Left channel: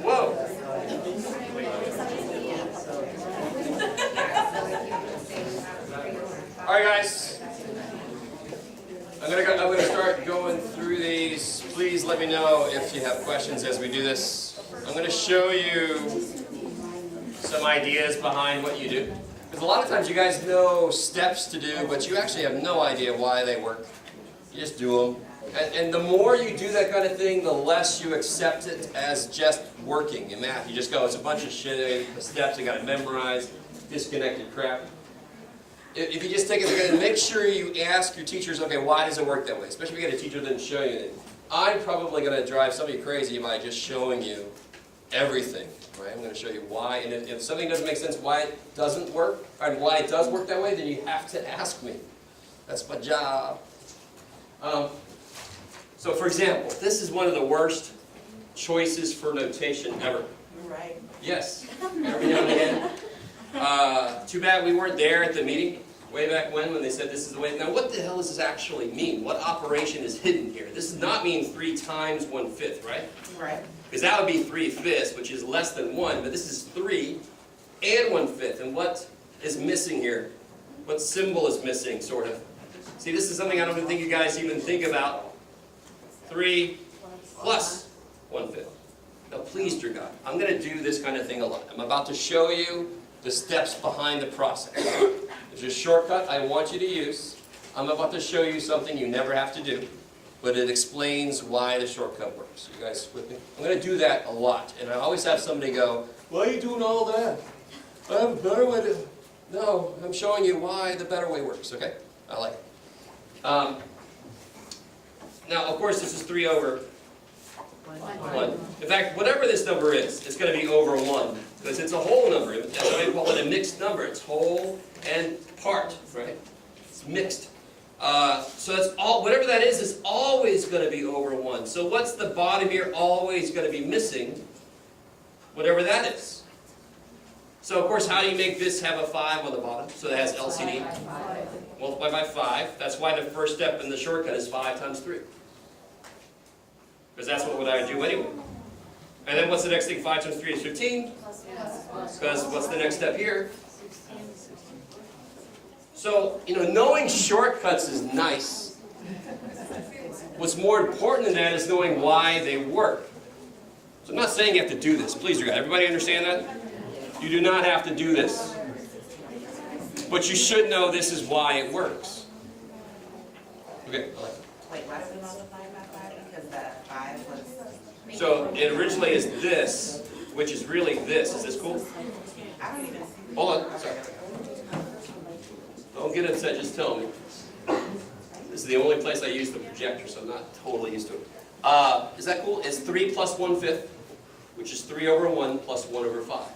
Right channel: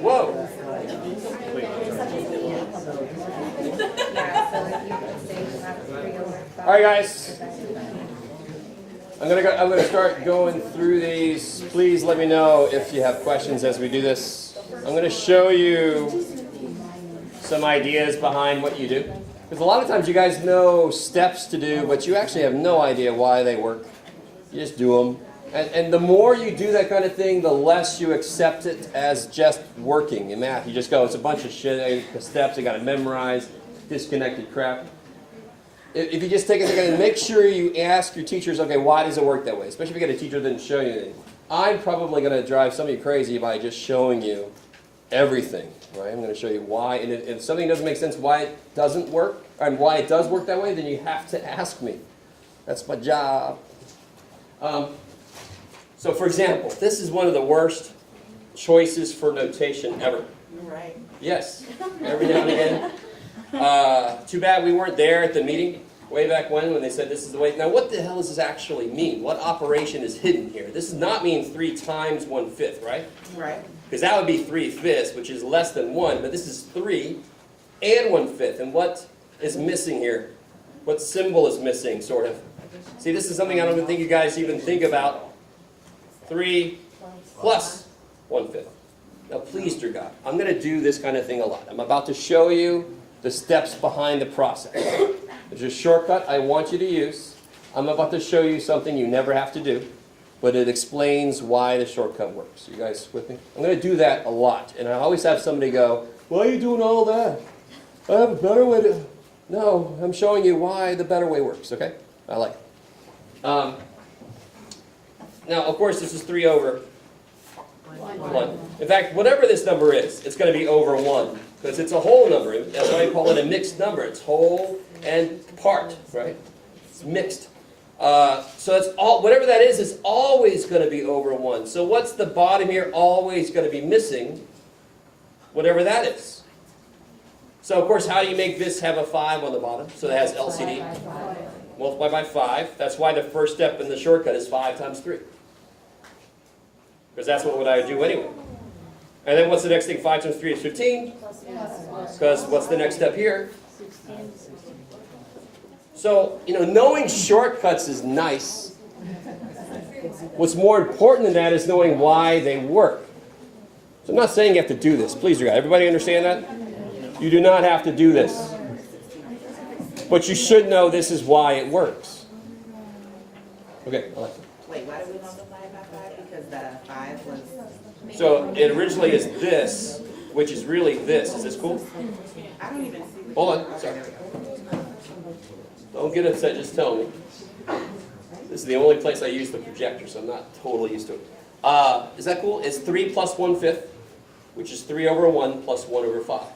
Whoa. All right, guys. I'm gonna start going through these. Please let me know if you have questions as we do this. I'm gonna show you some ideas behind what you do. Because a lot of times you guys know steps to do, but you actually have no idea why they work. You just do them. And the more you do that kind of thing, the less you accept it as just working in math. You just go, it's a bunch of shit, steps, I got to memorize, disconnected crap. If you just take a second and make sure you ask your teachers, okay, why does it work that way? Especially if you get a teacher that didn't show you anything. I'm probably going to drive some of you crazy by just showing you everything. Right? I'm going to show you why. And if something doesn't make sense why it doesn't work, and why it does work that way, then you have to ask me. That's my job. So, for example, this is one of the worst choices for notation ever. Right. Yes. Every now and again. Too bad we weren't there at the meeting way back when they said this is the way. Now, what the hell does this actually mean? What operation is hidden here? This does not mean 3 times 1/5, right? Right. Because that would be 3/5, which is less than 1. But this is 3 and 1/5. And what is missing here? What symbol is missing, sort of? See, this is something I don't think you guys even think about. 3 plus 1/5. Now, please, dear God, I'm going to do this kind of thing a lot. I'm about to show you the steps behind the process. There's a shortcut I want you to use. I'm about to show you something you never have to do, but it explains why the shortcut works. You guys with me? I'm going to do that a lot, and I always have somebody go, why are you doing all that? I have a better way to... No, I'm showing you why the better way works, okay? I like it. Now, of course, this is 3 over 1. In fact, whatever this number is, it's going to be over 1. Because it's a whole number. That's why I call it a mixed number. It's whole and part, right? It's mixed. So it's all, whatever that is always going to be over 1. So what's the bottom here always going to be missing? Whatever that is. So, of course, how do you make this have a 5 on the bottom? So that has LCD. Multiply by 5. That's why the first step in the shortcut is 5 times 3. Because that's what I would do anyway. And then what's the next thing? 5 times 3 is 15. Because what's the next step here? So, knowing shortcuts is nice. What's more important than that is knowing why they work. So I'm not saying you have to do this. Please, dear God. Everybody understand that? You do not have to do this. But you should know this is why it works. Okay, I like it. Wait, why do we multiply by 5? Because that 5 was... So it originally is this, which is really this. Is this cool? I don't even see... Hold on. Sorry. Don't get upset. Just tell me. This is the only place I use the projector, so I'm not totally used to it. Is that cool? It's 3 plus 1/5, which is 3 over 1 plus 1 over 5.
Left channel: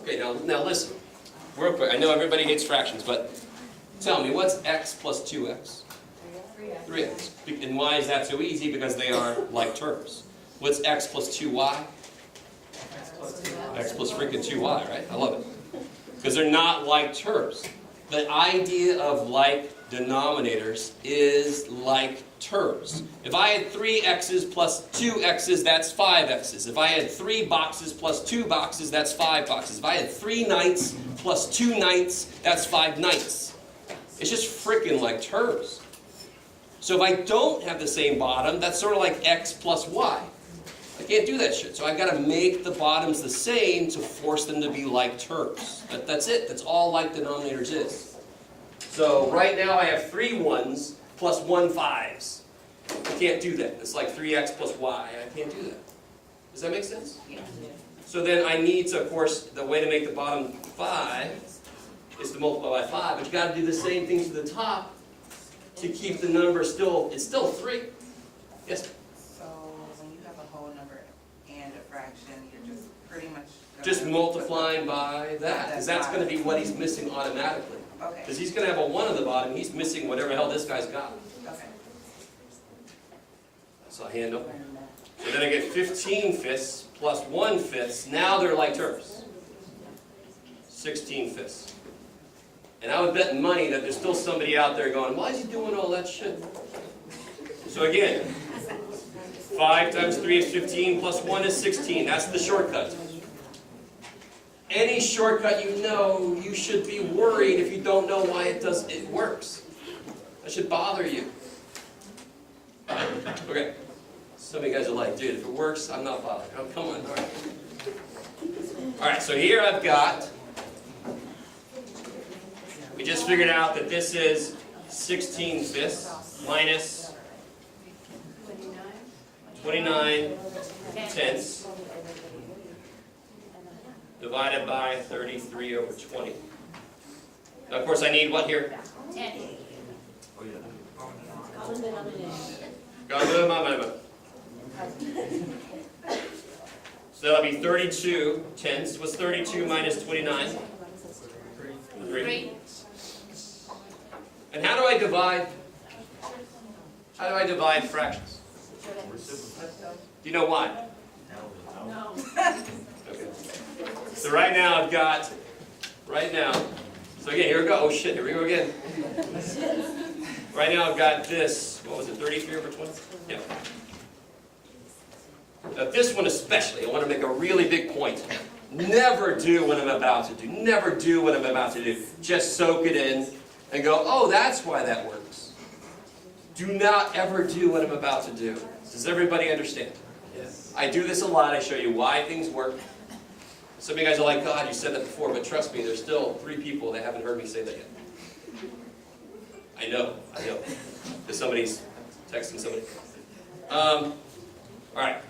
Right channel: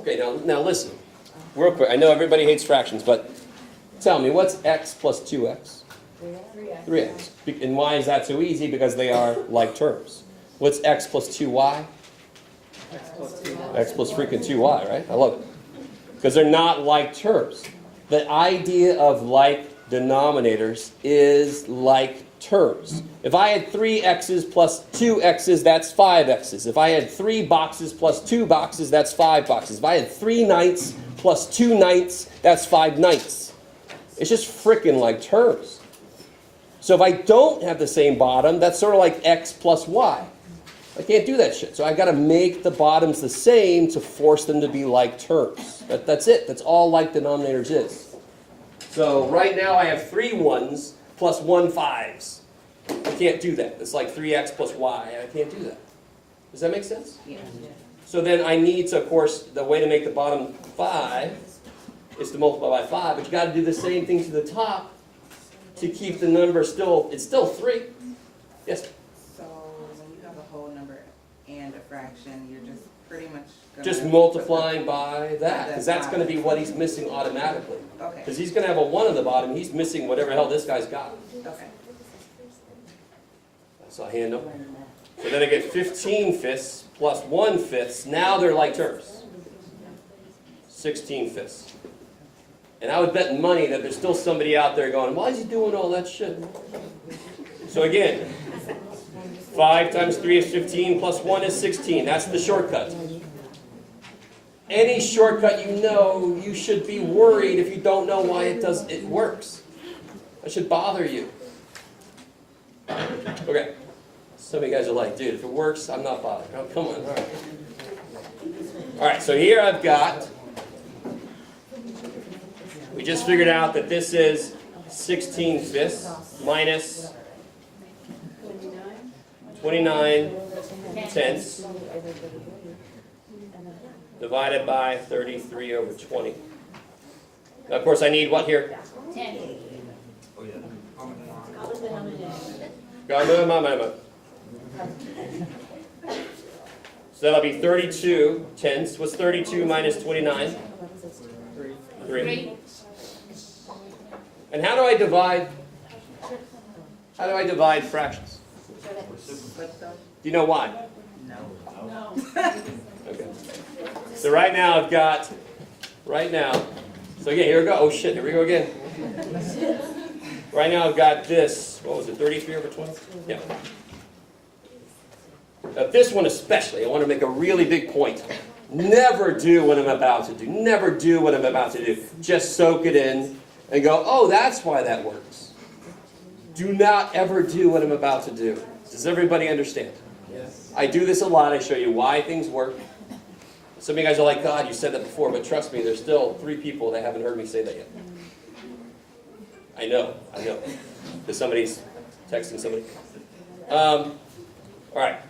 Okay, now listen. Real quick. I know everybody hates fractions, but tell me, what's x plus 2x? 3x. And why is that so easy? Because they are like terms. What's x plus 2y? X plus freaking 2y, right? I love it. Because they're not like terms. The idea of like denominators is like terms. If I had 3 x's plus 2 x's, that's 5 x's. If I had 3 boxes plus 2 boxes, that's 5 boxes. If I had 3 nights plus 2 nights, that's 5 nights. It's just freaking like terms. So if I don't have the same bottom, that's sort of like x plus y. I can't do that shit. So I got to make the bottoms the same to force them to be like terms. That's it. That's all like denominators is. So right now I have 3 1s plus 1 5s. I can't do that. It's like 3x plus y. I can't do that. Does that make sense? Yeah. So then I need to, of course, the way to make the bottom 5 is to multiply by 5, but you got to do the same thing to the top to keep the number still, it's still 3. Yes? So when you have a whole number and a fraction, you're just pretty much gonna Just multiplying by that, because that's going to be what he's missing automatically. Okay. Because he's going to have a 1 at the bottom, he's missing whatever hell this guy's got. Okay. That's a handle. So then I get 15 fifths plus 1 fifth. Now they're like terms. 16 fifths. And I would bet money that there's still somebody out there going, why is he doing all that shit? So again, 5 times 3 is 15 plus 1 is 16. That's the shortcut. Any shortcut you know, you should be worried if you don't know why it works. That should bother you. Okay. Some of you guys are like, dude, if it works, I'm not bothered. Oh, come on. All right. All right, so here I've got, we just figured out that this is 16 fifths minus 29 tenths divided by 33 over 20. Now, of course, I need what here? 10. Got to do my mind. So that'll be 32 tenths. What's 32 minus 29? 3. And how do I divide? How do I divide fractions? Do you know why? No. Okay. So right now I've got, so again, here we go. Oh shit, here we go again. Right now I've got this, what was it, 33 over 20? Yeah. Now this one especially, I want to make a really big point. Never do what I'm about to do. Never do what I'm about to do. Just soak it in and go, oh, that's why that works. Do not ever do what I'm about to do. Does everybody understand? Yes. I do this a lot. I show you why things work. Some of you guys are like, God, you said that before, but trust me, there's still 3 people that haven't heard me say that yet. I know. Because somebody's texting somebody. All right.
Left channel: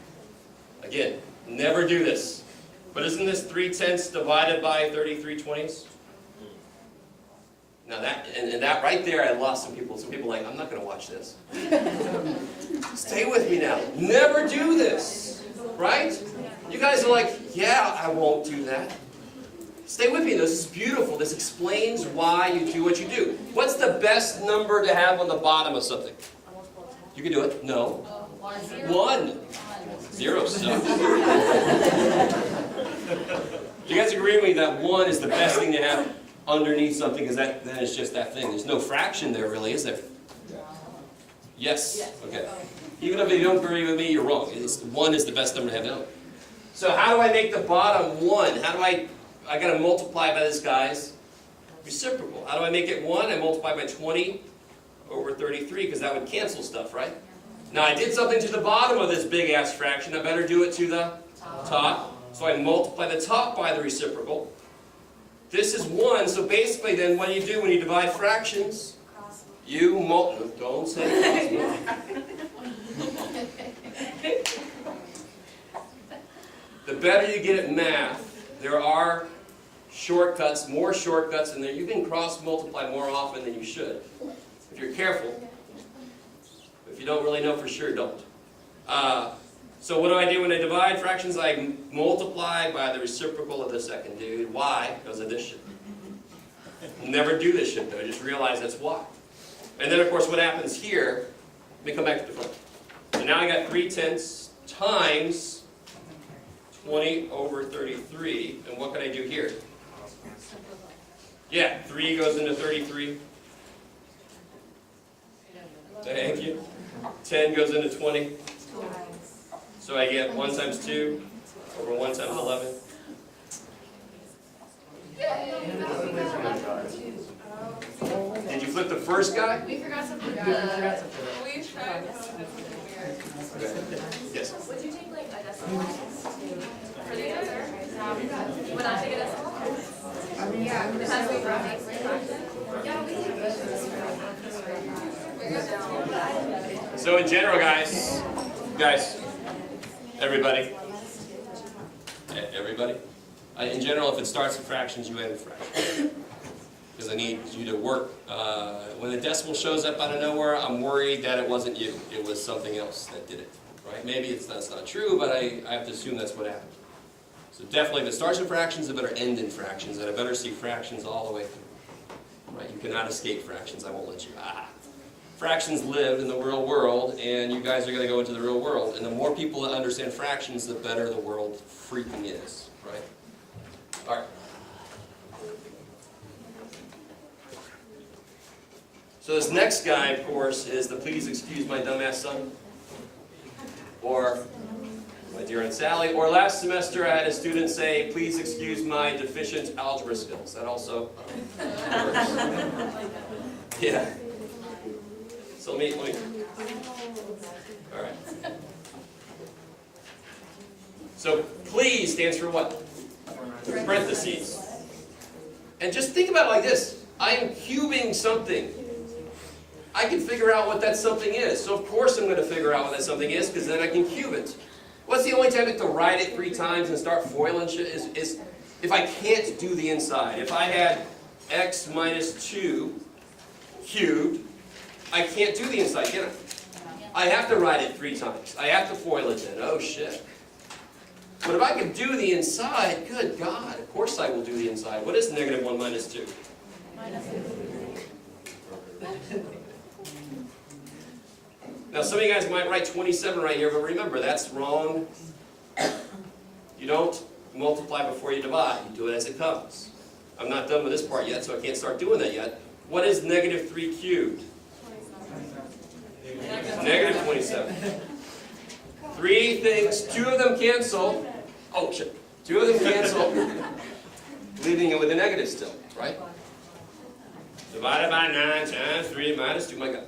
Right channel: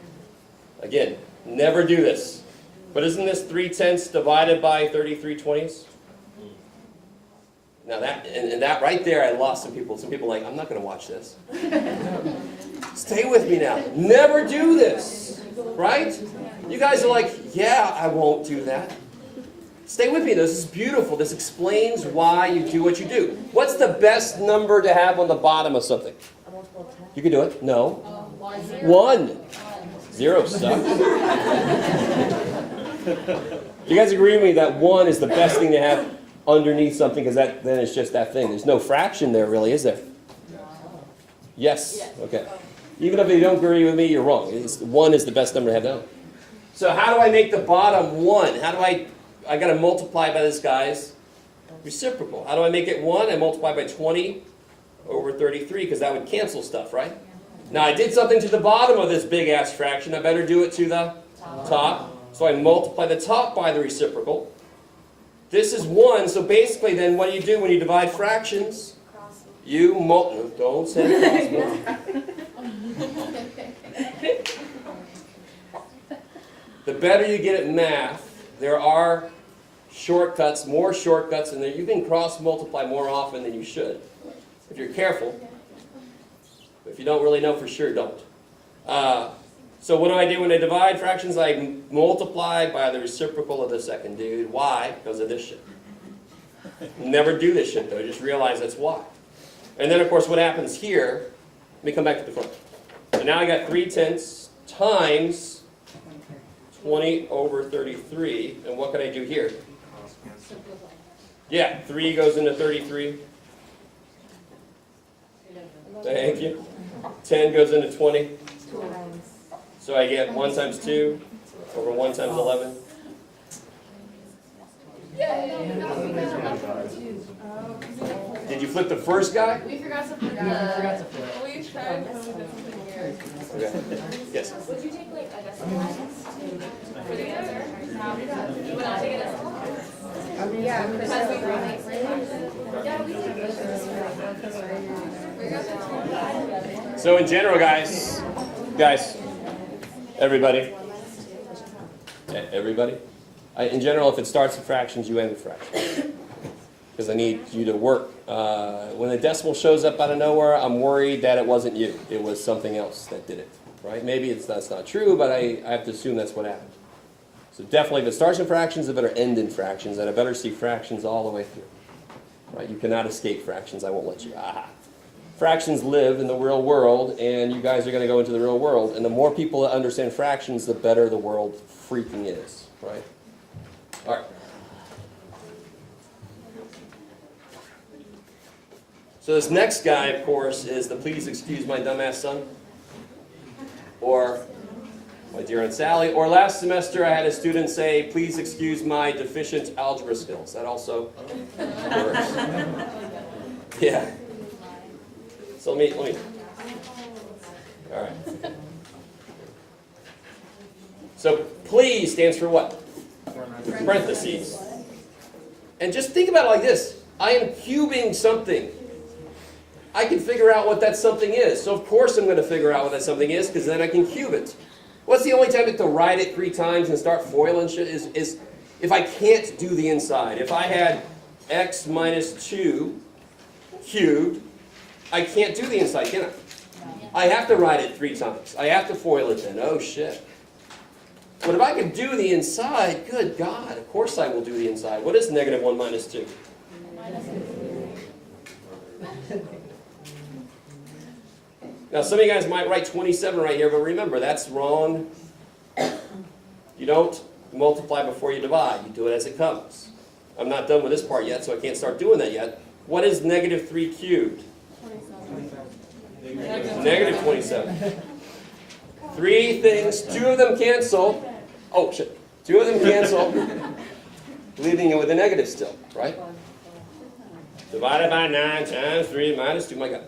Again, never do this. But isn't this 3 tenths divided by 33 20ths? Now that, and that right there, I lost some people. Some people are like, I'm not going to watch this. Stay with me now. Never do this. Right? You guys are like, yeah, I won't do that. Stay with me. This is beautiful. This explains why you do what you do. What's the best number to have on the bottom of something? You can do it. No. 1. 0 stuff. You guys agree with me that 1 is the best thing to have underneath something, because then it's just that thing. There's no fraction there, really, is there? Yes? Okay. Even if you don't agree with me, you're wrong. 1 is the best number to have down. So how do I make the bottom 1? How do I got to multiply by this guy's reciprocal. How do I make it 1? I multiply by 20 over 33, because that would cancel stuff, right? Now I did something to the bottom of this big-ass fraction. I better do it to the top. So I multiply the top by the reciprocal. This is 1, so basically then what do you do when you divide fractions? You don't say cross. The better you get at math, there are shortcuts, more shortcuts, and you can cross-multiply more often than you should, if you're careful. If you don't really know for sure, don't. So what do I do when I divide fractions? I multiply by the reciprocal of the second dude. Why? Because of this shit. Never do this shit, though. Just realize that's why. And then, of course, what happens here, let me come back to the front. So now I got 3 tenths times 20 over 33. And what can I do here? Yeah, 3 goes into 33. Thank you. 10 goes into 20. So I get 1 times 2 over 1 times 11. Did you flip the first guy? We forgot to put Okay. Yes. Would you take like a decimal So in general, guys, everybody, in general, if it starts with fractions, you end with fractions. Because I need you to work. When a decimal shows up out of nowhere, I'm worried that it wasn't you. It was something else that did it. Right? Maybe that's not true, but I have to assume that's what happened. So definitely, if it starts in fractions, it better end in fractions, and I better see fractions all the way through. Right? You cannot escape fractions. I won't let you. Fractions live in the real world, and you guys are going to go into the real world. And the more people that understand fractions, the better the world freaking is. Right? All right. So this next guy, of course, is the please excuse my dumbass son. Or my dear Aunt Sally. Or last semester I had a student say, please excuse my deficient algebra skills. That also works. Yeah. So let me. All right. So please stands for what? Parentheses. And just think about it like this. I am cubing something. I can figure out what that something is. So of course I'm going to figure out what that something is, because then I can cube it. What's the only time I have to write it 3 times and start foiling shit is if I can't do the inside. If I had x minus 2 cubed, I can't do the inside, can I? I have to write it 3 times. I have to foil it then. Oh shit. But if I can do the inside, good God, of course I will do the inside. What is negative 1 minus 2? Now, some of you guys might write 27 right here, but remember, that's wrong. You don't multiply before you divide. You do it as it comes. I'm not done with this part yet, so I can't start doing that yet. What is negative 3 cubed? 27. Negative 27. 3 things, 2 of them cancel. Oh, shit. 2 of them cancel, leaving it with a negative still, right? Divided by 9 times 3 minus 2, my God.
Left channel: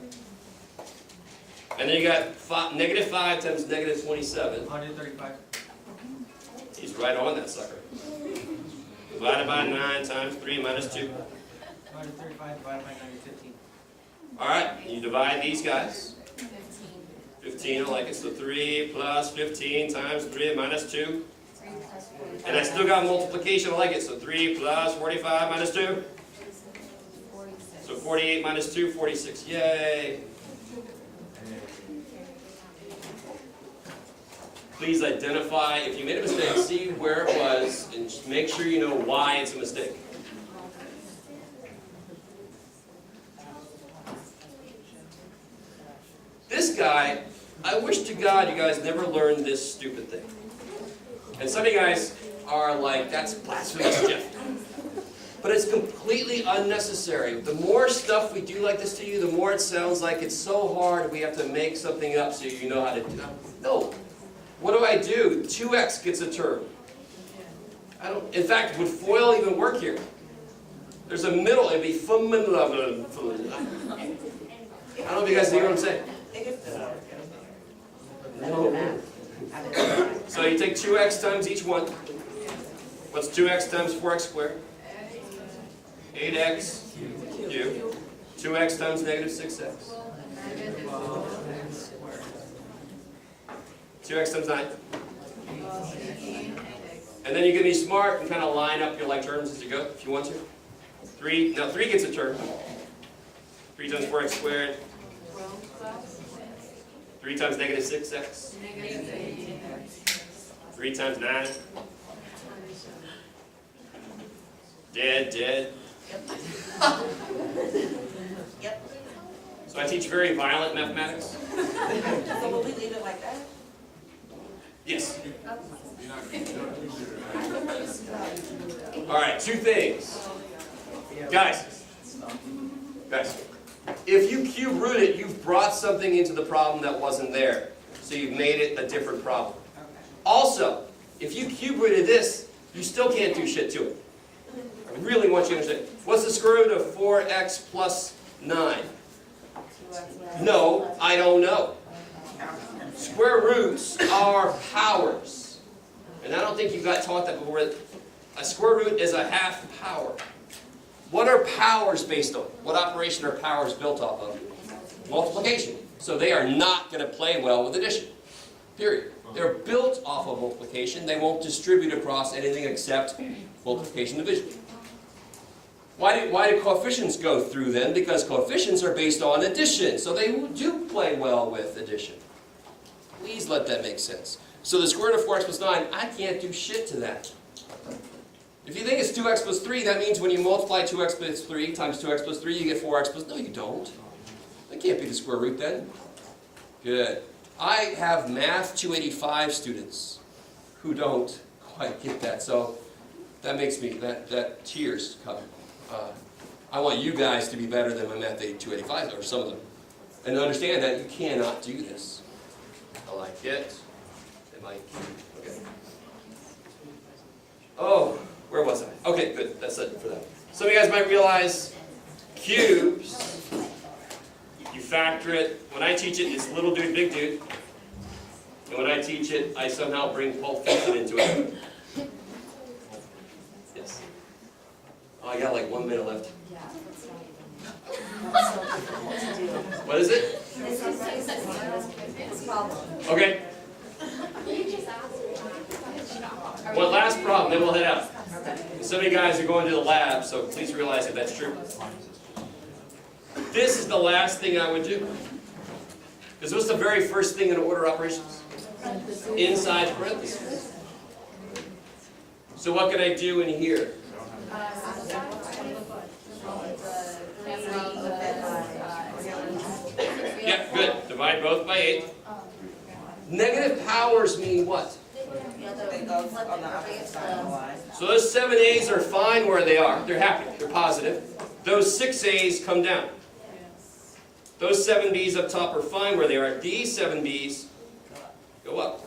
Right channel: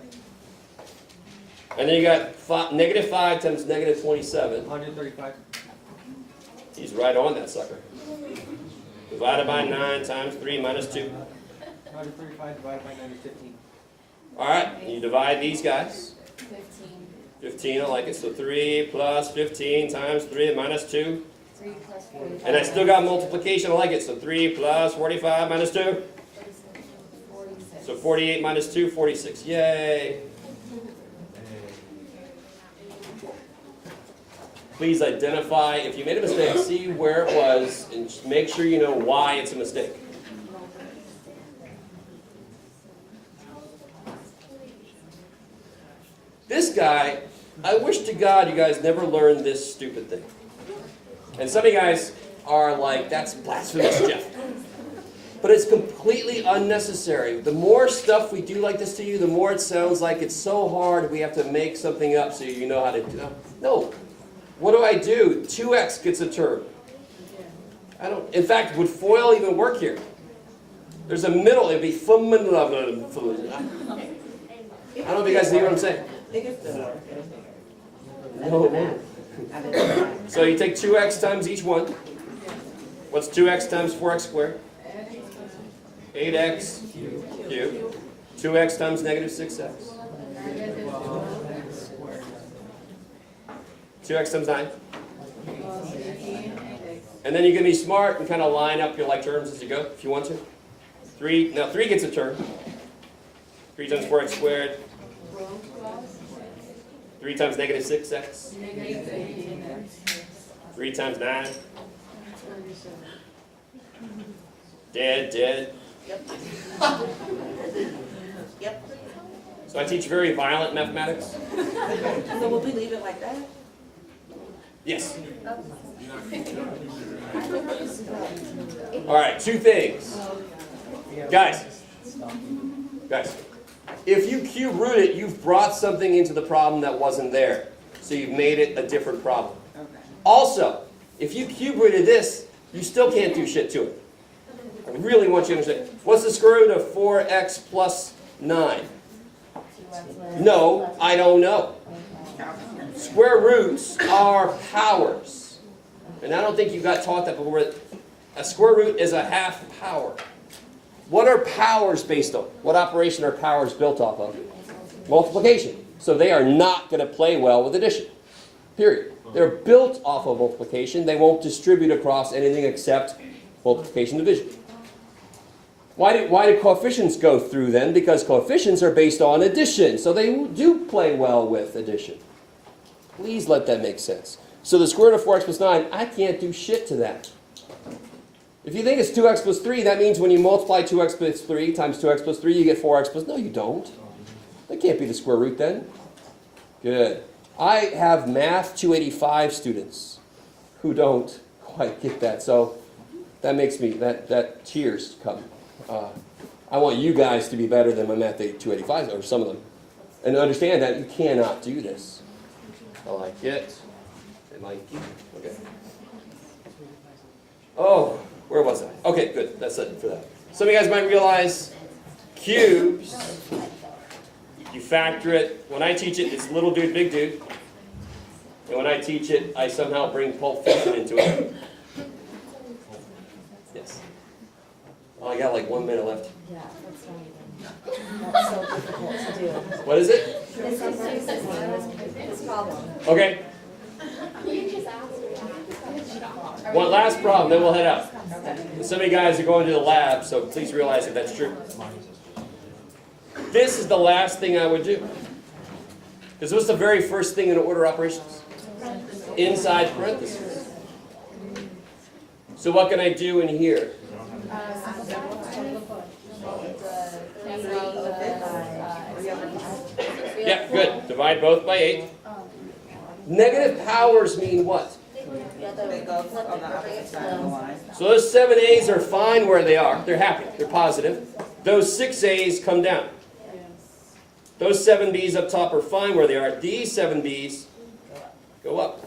And then you got negative 5 times negative 27. 135. He's right on that sucker. Divided by 9 times 3 minus 2. 135 divided by 915. All right, you divide these guys. 15, I like it. So 3 plus 15 times 3 minus 2. 3 plus 45. And I still got multiplication, I like it. So 3 plus 45 minus 2. 46. So 48 minus 2, 46. Yay. Please identify, if you made a mistake, see where it was, and just make sure you know why it's a mistake. This guy, I wish to God you guys never learned this stupid thing. And some of you guys are like, that's blasphemous, Jeff. But it's completely unnecessary. The more stuff we do like this to you, the more it sounds like it's so hard we have to make something up so you know how to do it. No. What do? 2x gets a term. In fact, would FOIL even work here? There's a middle, it'd be I don't know if you guys know what I'm saying. No. So you take 2x times each one. What's 2x times 4x squared? 8x cubed. 2x times negative 6x. 2x times 9. And then you can be smart and kind of line up your like terms as you go, if you want to. 3 gets a term. 3 times 4x squared. 3 times negative 6x. 3 times 9. Dead. Yep. Yep. So I teach very violent mathematics. So will we leave it like that? Yes. All right, 2 things. Guys, if you cube root it, you've brought something into the problem that wasn't there. So you've made it a different problem. Okay. Also, if you cube rooted this, you still can't do shit to it. I really want you to understand. What's the square root of 4x plus 9? No, I don't know. Square roots are powers. and I don't think you got taught that before, a square root is a half power. What are powers based on? What operation are powers built off of? Multiplication. So they are not going to play well with addition. Period. They're built off of multiplication. They won't distribute across anything except multiplication division. Why do coefficients go through then? Because coefficients are based on addition. So they do play well with addition. Please let that make sense. So the square root of 4x plus 9, I can't do shit to that. If you think it's 2x plus 3, that means when you multiply 2x plus 3 times 2x plus 3, you get 4x plus... No, you don't. That can't be the square root then. Good. I have Math 285 students who don't quite get that. So that makes me... That tears come. I want you guys to be better than my Math 285, or some of them. And to understand that you cannot do this. I like it. They like it. Okay. Oh, where was I? Okay, good. That's it for that. Some of you guys might realize cubes, you factor it. When I teach it, it's little dude, big dude. And when I teach it, I somehow bring Pulp Fiction into it. Yes. Oh, I got like 1 minute left. Yeah, that's so difficult to do. What is it? This problem. Okay. One last problem, then we'll head out. Some of you guys are going to the lab, so please realize if that's true. This is the last thing I would do. Because what's the very first thing in order operations? Inside parentheses. So what can I do in here? Yeah, good. Divide both by 8. Negative powers mean what? So those 7 A's are fine where they are. They're happy. They're positive. Those 6 A's come down. Those 7 B's up top are fine where they are. These 7 B's go up.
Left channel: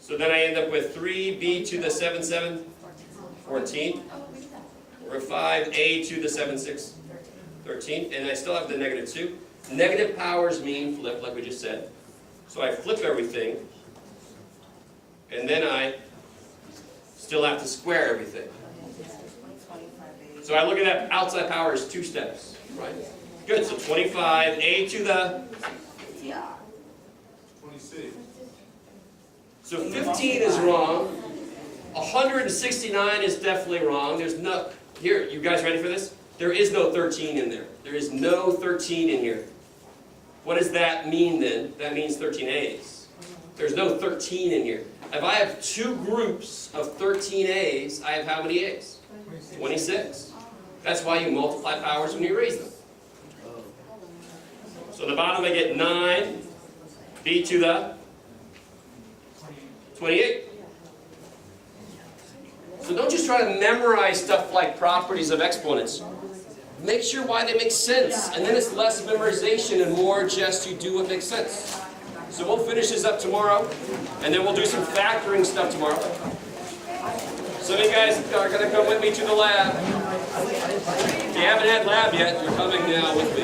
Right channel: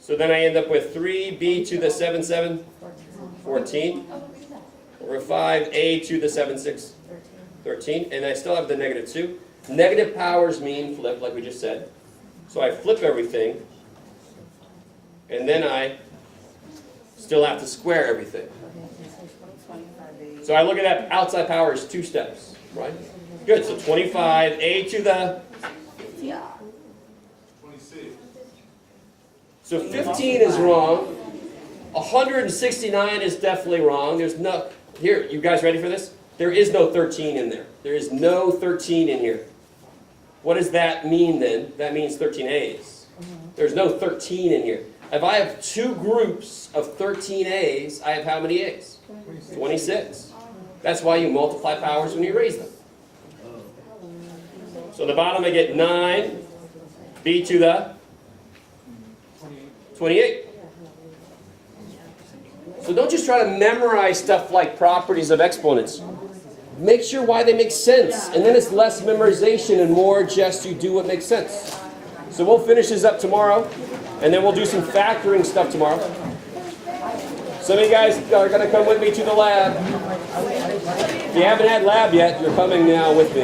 So then I end up with 3B to the 7, 7, 14. Or 5A to the 7, 6, 13. And I still have the negative 2. Negative powers mean flip, like we just said. So I flip everything. And then I still have to square everything. So I look at that outside power as 2 steps, right? Good, so 25, A to the... 26. So 15 is wrong. 169 is definitely wrong. There's no... Here, you guys ready for this? There is no 13 in there. There is no 13 in here. What does that mean then? That means 13 A's. There's no 13 in here. If I have 2 groups of 13 A's, I have how many A's? 26. That's why you multiply powers when you raise them. So at the bottom I get 9, B to the 28. So don't just try to memorize stuff like properties of exponents. Make sure why they make sense. And then it's less memorization and more just you do what makes sense. So we'll finish this up tomorrow. And then we'll do some factoring stuff tomorrow. Some of you guys are going to come with me to the lab. If you haven't had lab yet, you're coming now with me.